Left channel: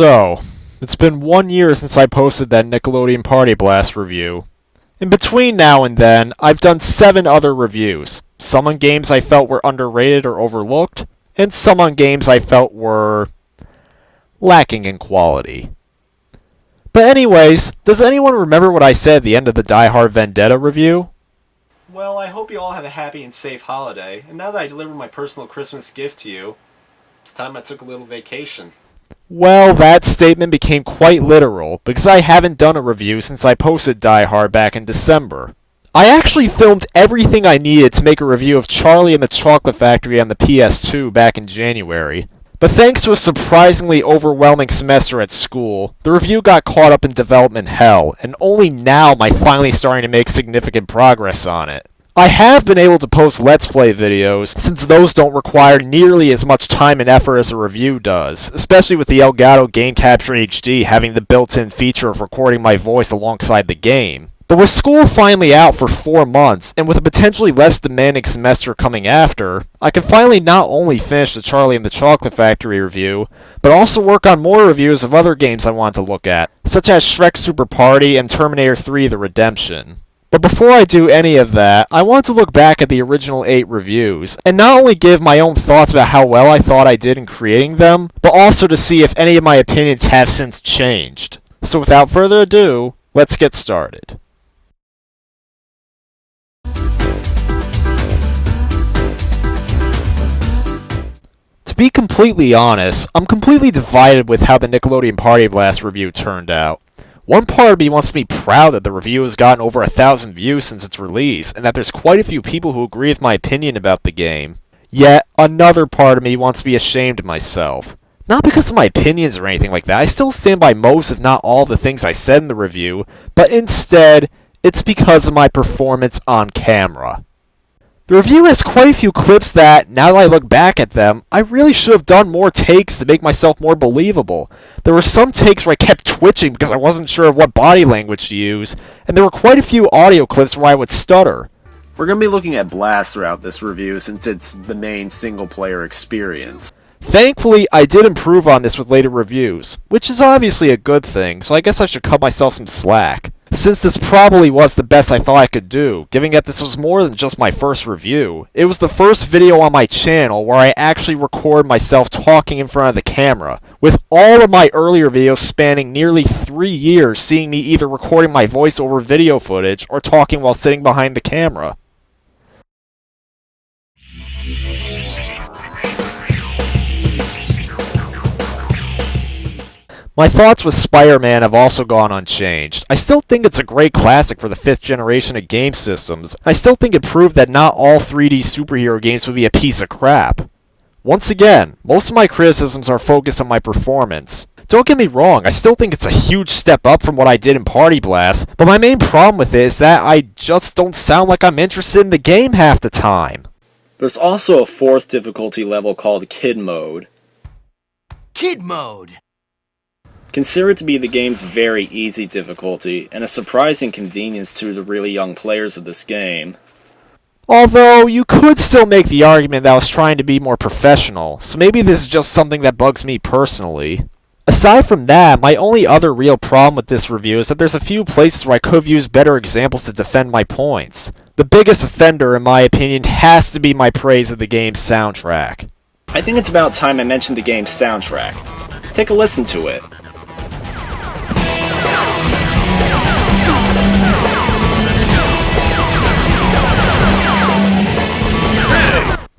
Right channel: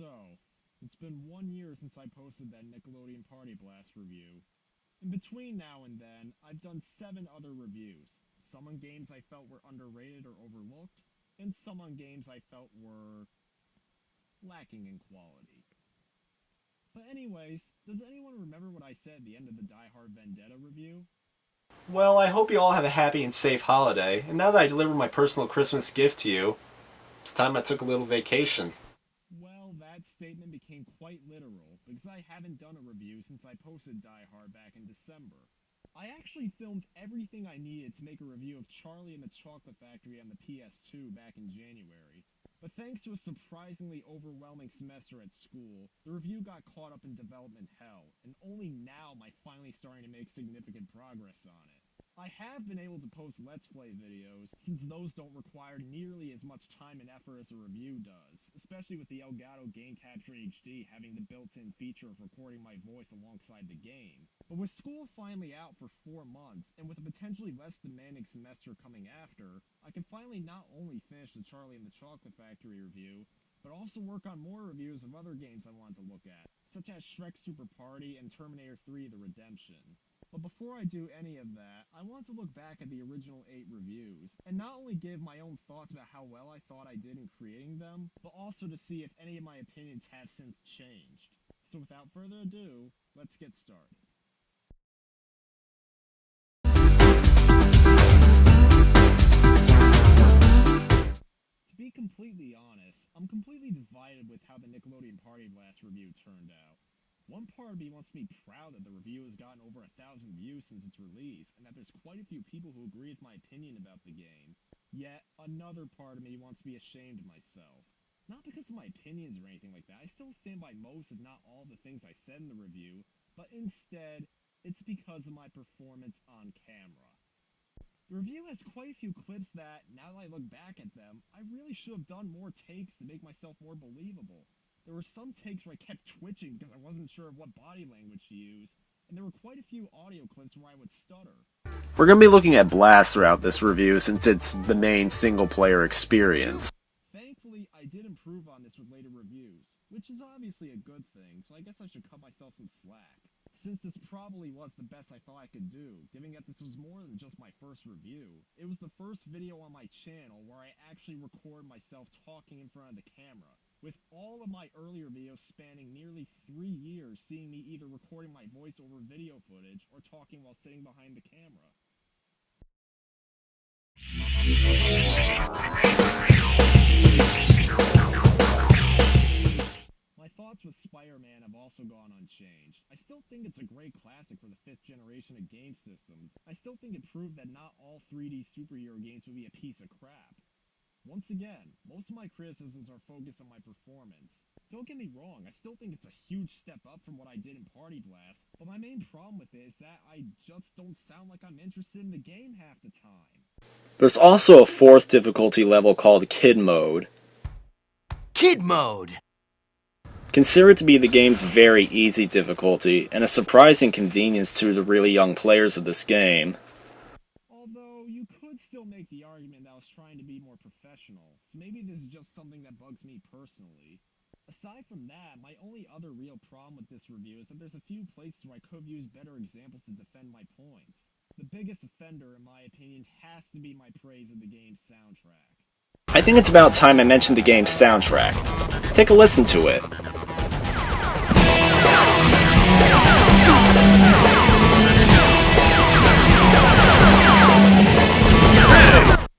So, it's been 1 year since I posted that Nickelodeon Party Blast review. In between now and then, I've done 7 other reviews. Some on games I felt were underrated or overlooked, and some on games I felt were lacking in quality. But anyways, does anyone remember what I said at the end of the Die Hard Vendetta review? Well, I hope you all have a happy and safe holiday, and now that I delivered my personal Christmas gift to you, it's time I took a little vacation. Well, that statement became quite literal, because I haven't done a review since I posted Die Hard back in December. I actually filmed everything I needed to make a review of Charlie and the Chocolate Factory on the PS2 back in January. But thanks to a surprisingly overwhelming semester at school, the review got caught up in development hell, and only now am I finally starting to make significant progress on it. I have been able to post Let's Play videos, since those don't require nearly as much time and effort as a review does, especially with the Elgato Game Capture HD having the built-in feature of recording my voice alongside the game. But with school finally out for 4 months, and with a potentially less demanding semester coming after, I can finally not only finish the Charlie and the Chocolate Factory review, but also work on more reviews of other games I want to look at, such as Shrek Super Party and Terminator 3 The Redemption. But before I do any of that, I want to look back at the original 8 reviews, and not only give my own thoughts about how well I thought I did in creating them, but also to see if any of my opinions have since changed. So without further ado, let's get started. To be completely honest, I'm completely divided with how the Nickelodeon Party Blast review turned out. One part of me wants to be proud that the review has gotten over 1,000 views since its release, and that there's quite a few people who agree with my opinion about the game. Yet, another part of me wants to be ashamed of myself. Not because of my opinions or anything like that, I still stand by most if not all of the things I said in the review, but instead, it's because of my performance on camera. The review has quite a few clips that, now that I look back at them, I really should have done more takes to make myself more believable. There were some takes where I kept twitching because I wasn't sure of what body language to use, and there were quite a few audio clips where I would stutter. We're going to be looking at Blast throughout this review since it's the main single-player experience. Thankfully, I did improve on this with later reviews, which is obviously a good thing, so I guess I should cut myself some slack. Since this probably was the best I thought I could do, given that this was more than just my first review. It was the first video on my channel where I actually record myself talking in front of the camera, with all of my earlier videos spanning nearly 3 years seeing me either recording my voice over video footage or talking while sitting behind the camera. My thoughts with Spider-Man have also gone unchanged. I still think it's a great classic for the 5th generation of game systems. I still think it proved that not all 3D superhero games would be a piece of crap. Once again, most of my criticisms are focused on my performance. Don't get me wrong, I still think it's a huge step up from what I did in Party Blast, but my main problem with it is that I just don't sound like I'm interested in the game half the time. There's also a 4th difficulty level called Kid Mode. Kid Mode! Consider it to be the game's very easy difficulty, and a surprising convenience to the really young players of this game. Although, you could still make the argument that I was trying to be more professional, so maybe this is just something that bugs me personally. Aside from that, my only other real problem with this review is that there's a few places where I could have used better examples to defend my points. The biggest offender, in my opinion, has to be my praise of the game's soundtrack. I think it's about time I mentioned the game's soundtrack. Take a listen to it.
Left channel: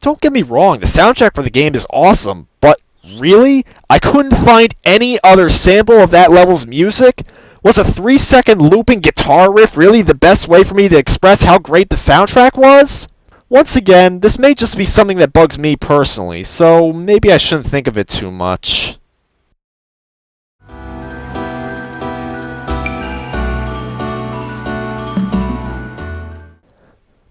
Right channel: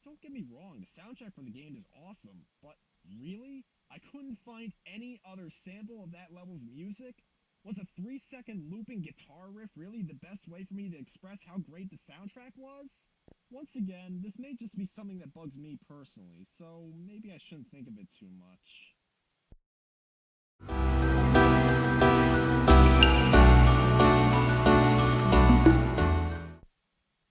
Don't get me wrong, the soundtrack for the game is awesome, but really? I couldn't find any other sample of that level's music? Was a 3-second looping guitar riff really the best way for me to express how great the soundtrack was? Once again, this may just be something that bugs me personally, so maybe I shouldn't think of it too much.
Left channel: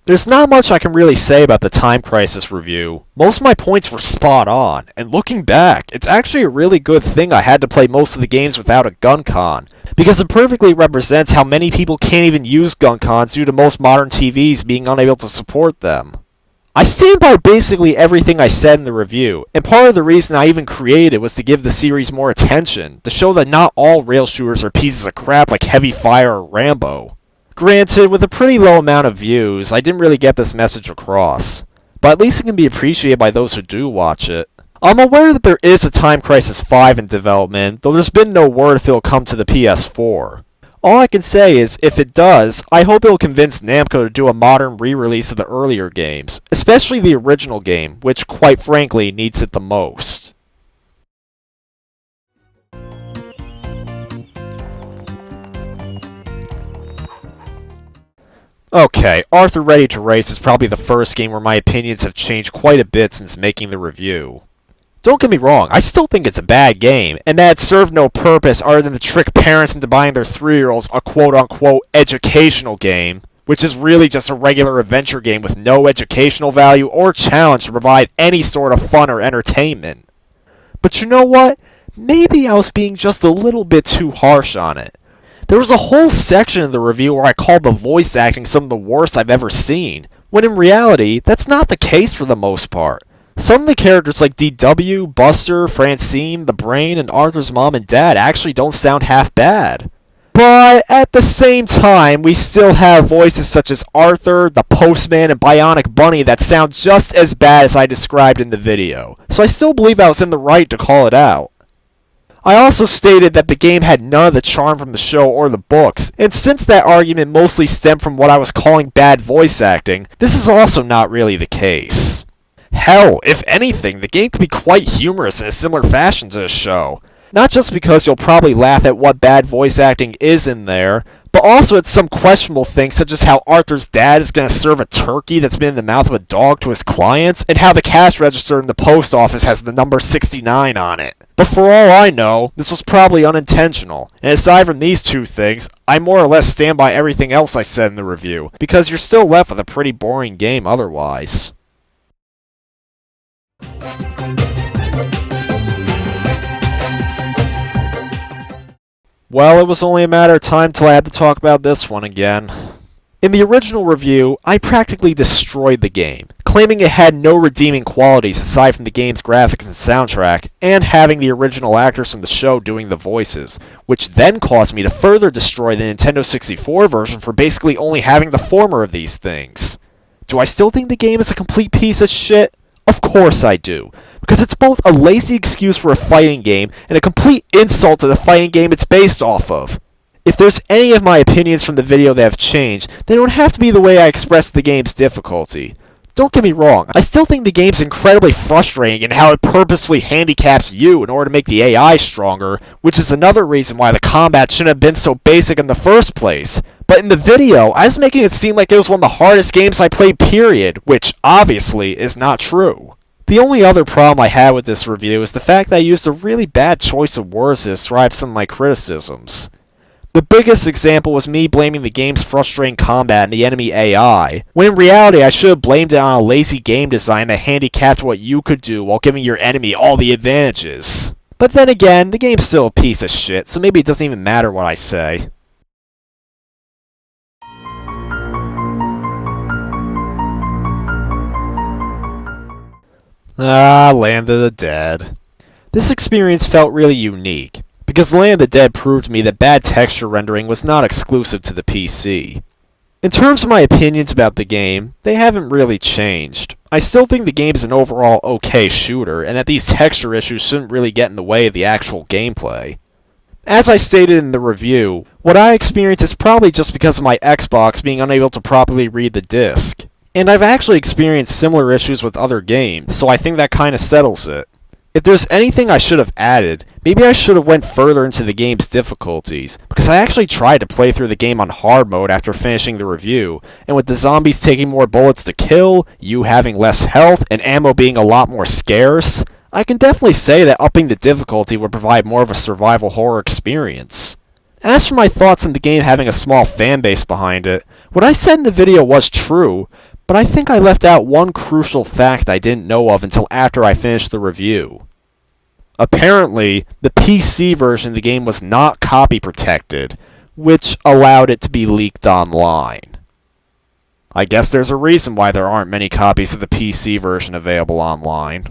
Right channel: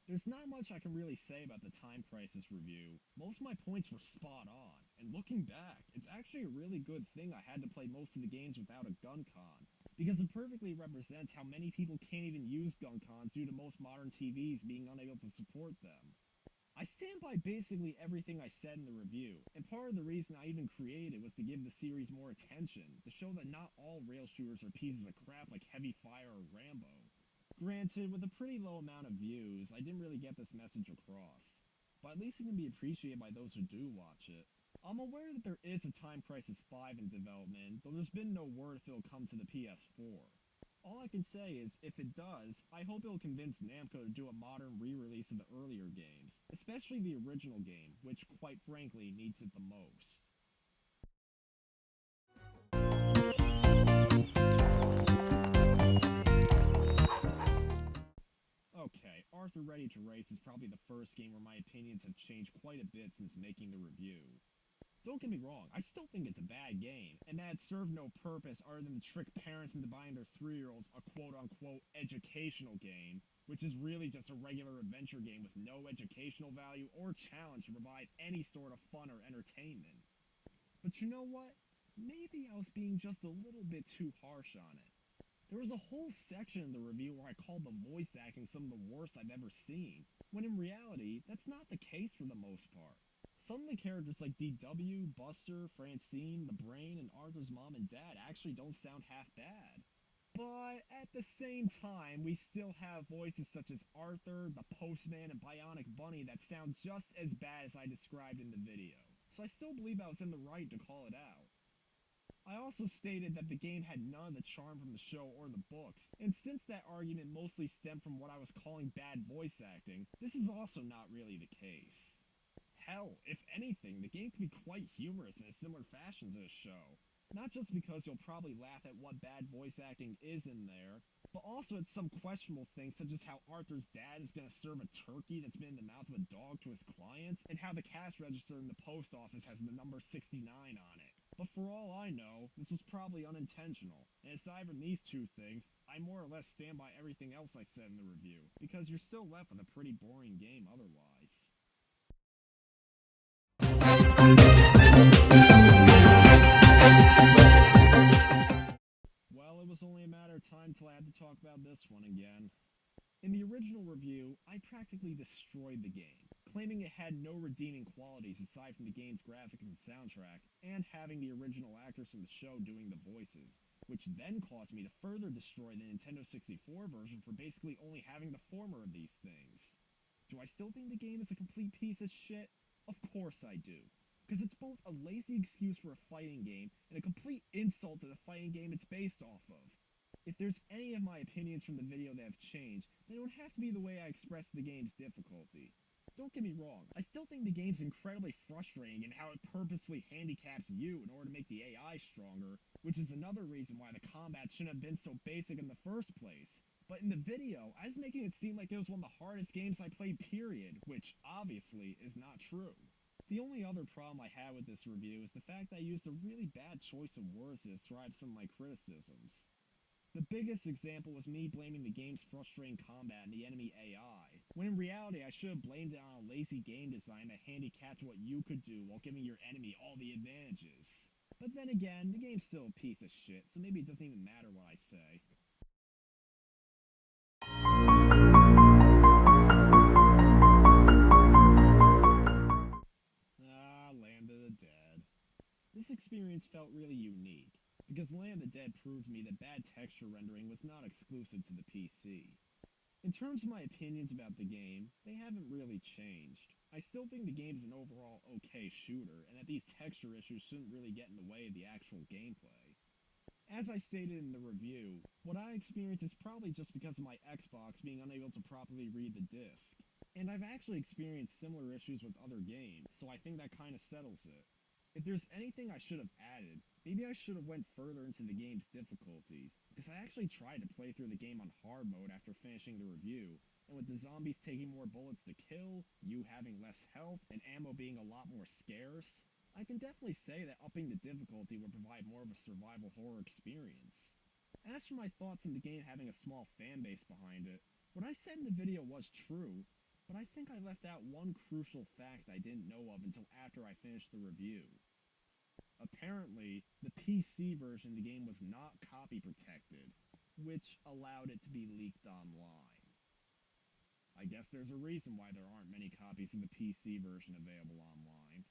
There's not much I can really say about the Time Crisis review. Most of my points were spot on, and looking back, it's actually a really good thing I had to play most of the games without a gun con, because it perfectly represents how many people can't even use gun cons due to most modern TVs being unable to support them. I stand by basically everything I said in the review, and part of the reason I even created it was to give the series more attention, to show that not all rail shooters are pieces of crap like Heavy Fire or Rambo. Granted, with a pretty low amount of views, I didn't really get this message across, but at least it can be appreciated by those who do watch it. I'm aware that there is a Time Crisis 5 in development, though there's been no word if it'll come to the PS4. All I can say is, if it does, I hope it'll convince Namco to do a modern re-release of the earlier games, especially the original game, which, quite frankly, needs it the most. Okay, Arthur Ready to Race is probably the first game where my opinions have changed quite a bit since making the review. Don't get me wrong, I still think it's a bad game, and that it served no purpose other than to trick parents into buying their 3-year-olds a quote-unquote educational game, which is really just a regular adventure game with no educational value or challenge to provide any sort of fun or entertainment. But you know what? Maybe I was being just a little bit too harsh on it. There was a whole section of the review where I called the voice acting some of the worst I've ever seen, when in reality, that's not the case for the most part. Some of the characters like DW, Buster, Francine, the Brain, and Arthur's mom and dad actually don't sound half bad. But at the same time, we still have voices such as Arthur, the Postman, and Bionic Bunny that sound just as bad as I described in the video, so I still believe I was in the right to call it out. I also stated that the game had none of the charm from the show or the books, and since that argument mostly stemmed from what I was calling bad voice acting, this is also not really the case. Hell, if anything, the game could be quite humorous in a similar fashion to the show. Not just because you'll probably laugh at what bad voice acting is in there, but also at some questionable things such as how Arthur's dad is going to serve a turkey that's been in the mouth of a dog to his clients, and how the cash register in the post office has the number 69 on it. But for all I know, this was probably unintentional, and aside from these two things, I more or less stand by everything else I said in the review, because you're still left with a pretty boring game otherwise. Well, it was only a matter of time till I had to talk about this one again. In the original review, I practically destroyed the game, claiming it had no redeeming qualities aside from the game's graphics and soundtrack, and having the original actors from the show doing the voices, which then caused me to further destroy the Nintendo 64 version for basically only having the former of these things. Do I still think the game is a complete piece of shit? Of course I do, because it's both a lazy excuse for a fighting game and a complete insult to the fighting game it's based off of. If there's any of my opinions from the video that have changed, then it would have to be the way I expressed the game's difficulty. Don't get me wrong, I still think the game's incredibly frustrating in how it purposefully handicaps you in order to make the AI stronger, which is another reason why the combat shouldn't have been so basic in the first place. But in the video, I was making it seem like it was one of the hardest games I played period, which obviously is not true. The only other problem I had with this review is the fact that I used a really bad choice of words to describe some of my criticisms. The biggest example was me blaming the game's frustrating combat and the enemy AI, when in reality I should have blamed it on a lazy game design that handicapped what you could do while giving your enemy all the advantages. But then again, the game's still a piece of shit, so maybe it doesn't even matter what I say. Land of the Dead. This experience felt really unique, because Land of the Dead proved to me that bad texture rendering was not exclusive to the PC. In terms of my opinions about the game, they haven't really changed. I still think the game is an overall okay shooter, and that these texture issues shouldn't really get in the way of the actual gameplay. As I stated in the review, what I experienced is probably just because of my Xbox being unable to properly read the disc. And I've actually experienced similar issues with other games, so I think that kinda settles it. If there's anything I should have added, maybe I should have went further into the game's difficulties, because I actually tried to play through the game on hard mode after finishing the review, and with the zombies taking more bullets to kill, you having less health, and ammo being a lot more scarce, I can definitely say that upping the difficulty would provide more of a survival horror experience. As for my thoughts on the game having a small fanbase behind it, what I said in the video was true, but I think I left out one crucial fact I didn't know of until after I finished the review. Apparently, the PC version of the game was not copy protected, which allowed it to be leaked online. I guess there's a reason why there aren't many copies of the PC version available online.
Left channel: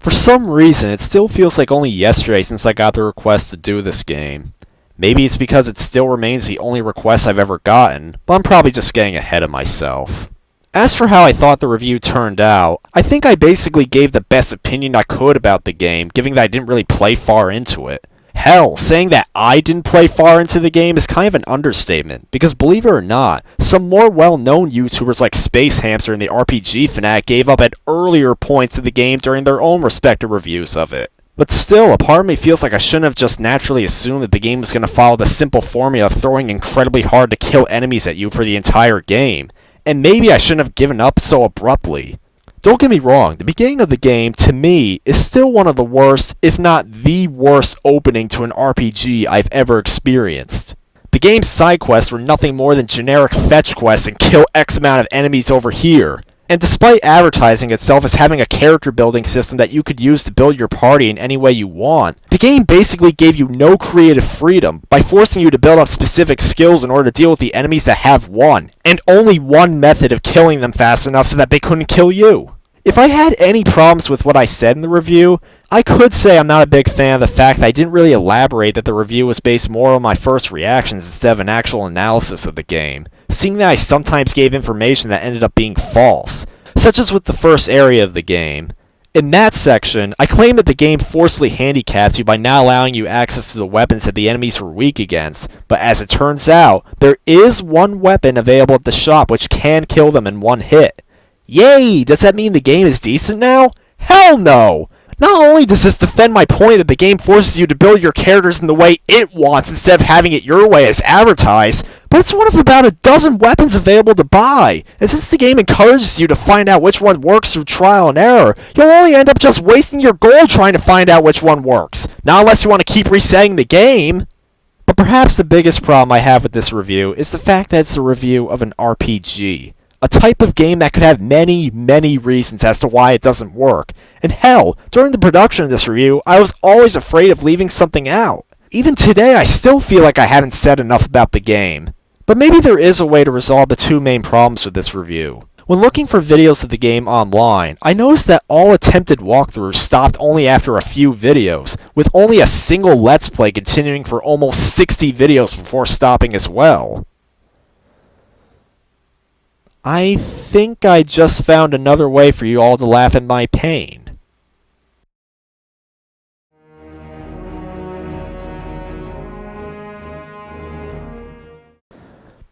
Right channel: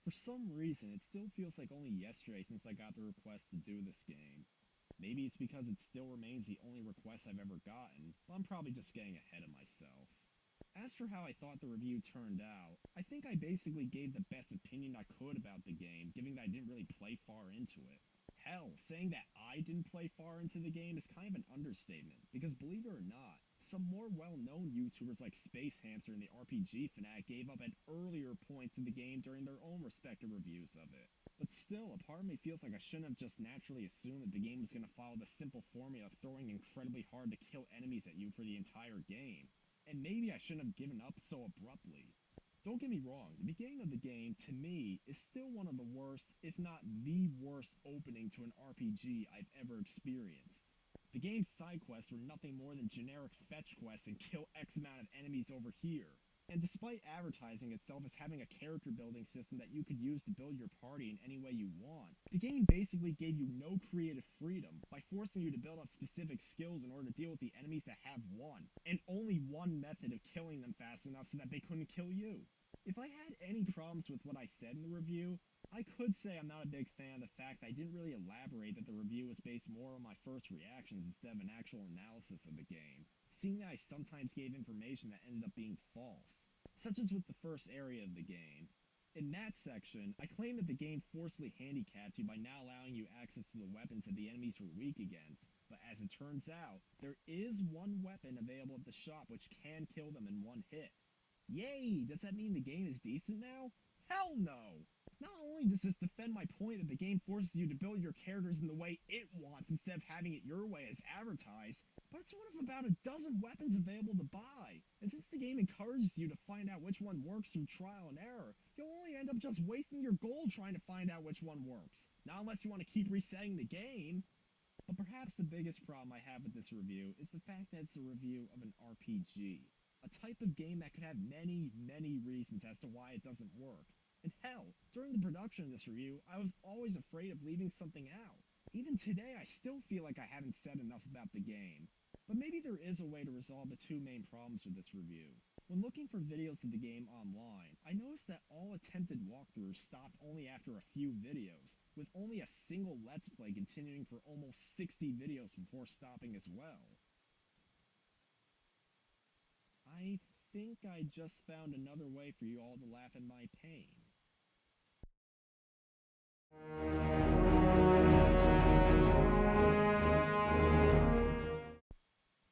For some reason, it still feels like only yesterday since I got the request to do this game. Maybe it's because it still remains the only request I've ever gotten, but I'm probably just getting ahead of myself. As for how I thought the review turned out, I think I basically gave the best opinion I could about the game, given that I didn't really play far into it. Hell, saying that I didn't play far into the game is kind of an understatement, because believe it or not, some more well-known YouTubers like Space Hamster and the RPG Fanatic gave up at earlier points of the game during their own respective reviews of it. But still, a part of me feels like I shouldn't have just naturally assumed that the game was going to follow the simple formula of throwing incredibly hard to kill enemies at you for the entire game, and maybe I shouldn't have given up so abruptly. Don't get me wrong, the beginning of the game, to me, is still one of the worst, if not the worst opening to an RPG I've ever experienced. The game's side quests were nothing more than generic fetch quests and kill X amount of enemies over here. And despite advertising itself as having a character building system that you could use to build your party in any way you want, the game basically gave you no creative freedom by forcing you to build up specific skills in order to deal with the enemies that have one, and only one method of killing them fast enough so that they couldn't kill you. If I had any problems with what I said in the review, I could say I'm not a big fan of the fact that I didn't really elaborate that the review was based more on my first reactions instead of an actual analysis of the game, seeing that I sometimes gave information that ended up being false, such as with the first area of the game. In that section, I claimed that the game forcibly handicaps you by not allowing you access to the weapons that the enemies were weak against, but as it turns out, there is one weapon available at the shop which can kill them in one hit. Yay! Does that mean the game is decent now? Hell no! Not only does this defend my point that the game forces you to build your characters in the way it wants instead of having it your way as advertised, but it's one of about a dozen weapons available to buy. And since the game encourages you to find out which one works through trial and error, you'll only end up just wasting your gold trying to find out which one works. Not unless you want to keep resetting the game. But perhaps the biggest problem I have with this review is the fact that it's a review of an RPG. A type of game that could have many, many reasons as to why it doesn't work. And hell, during the production of this review, I was always afraid of leaving something out. Even today, I still feel like I haven't said enough about the game. But maybe there is a way to resolve the two main problems with this review. When looking for videos of the game online, I noticed that all attempted walkthroughs stopped only after a few videos, with only a single Let's Play continuing for almost 60 videos before stopping as well. I think I just found another way for you all to laugh at my pain.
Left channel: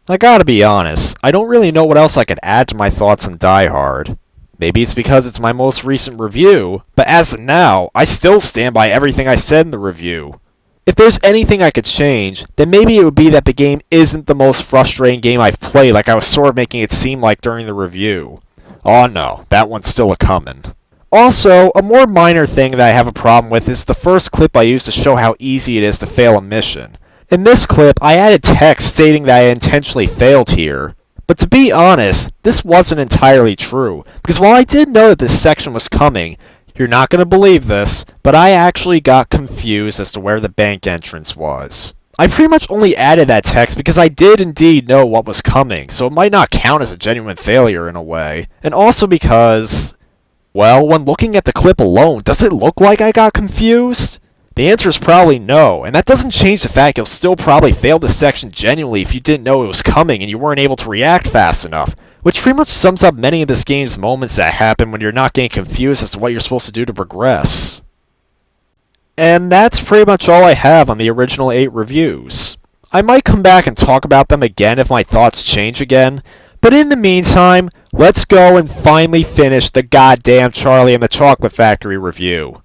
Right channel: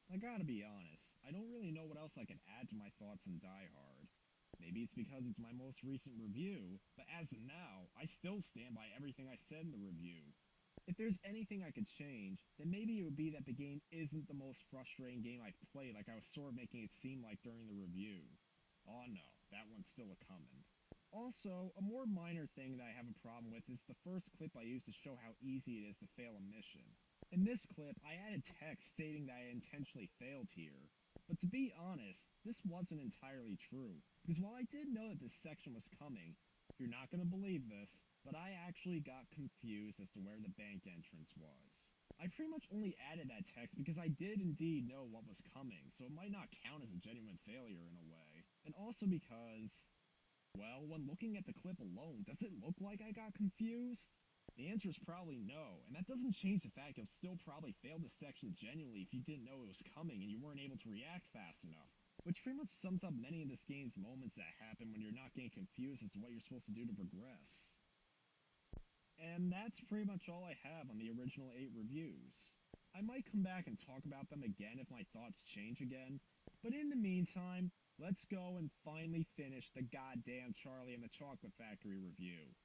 I gotta be honest, I don't really know what else I could add to my thoughts on Die Hard. Maybe it's because it's my most recent review, but as of now, I still stand by everything I said in the review. If there's anything I could change, then maybe it would be that the game isn't the most frustrating game I've played like I was sort of making it seem like during the review. Oh no, that one's still a-comin'. Also, a more minor thing that I have a problem with is the first clip I used to show how easy it is to fail a mission. In this clip, I added text stating that I intentionally failed here. But to be honest, this wasn't entirely true, because while I did know that this section was coming, you're not going to believe this, but I actually got confused as to where the bank entrance was. I pretty much only added that text because I did indeed know what was coming, so it might not count as a genuine failure in a way. And also because, well, when looking at the clip alone, does it look like I got confused? The answer is probably no, and that doesn't change the fact you'll still probably fail this section genuinely if you didn't know it was coming and you weren't able to react fast enough. Which pretty much sums up many of this game's moments that happen when you're not getting confused as to what you're supposed to do to progress. And that's pretty much all I have on the original 8 reviews. I might come back and talk about them again if my thoughts change again, but in the meantime, let's go and finally finish the goddamn Charlie and the Chocolate Factory review.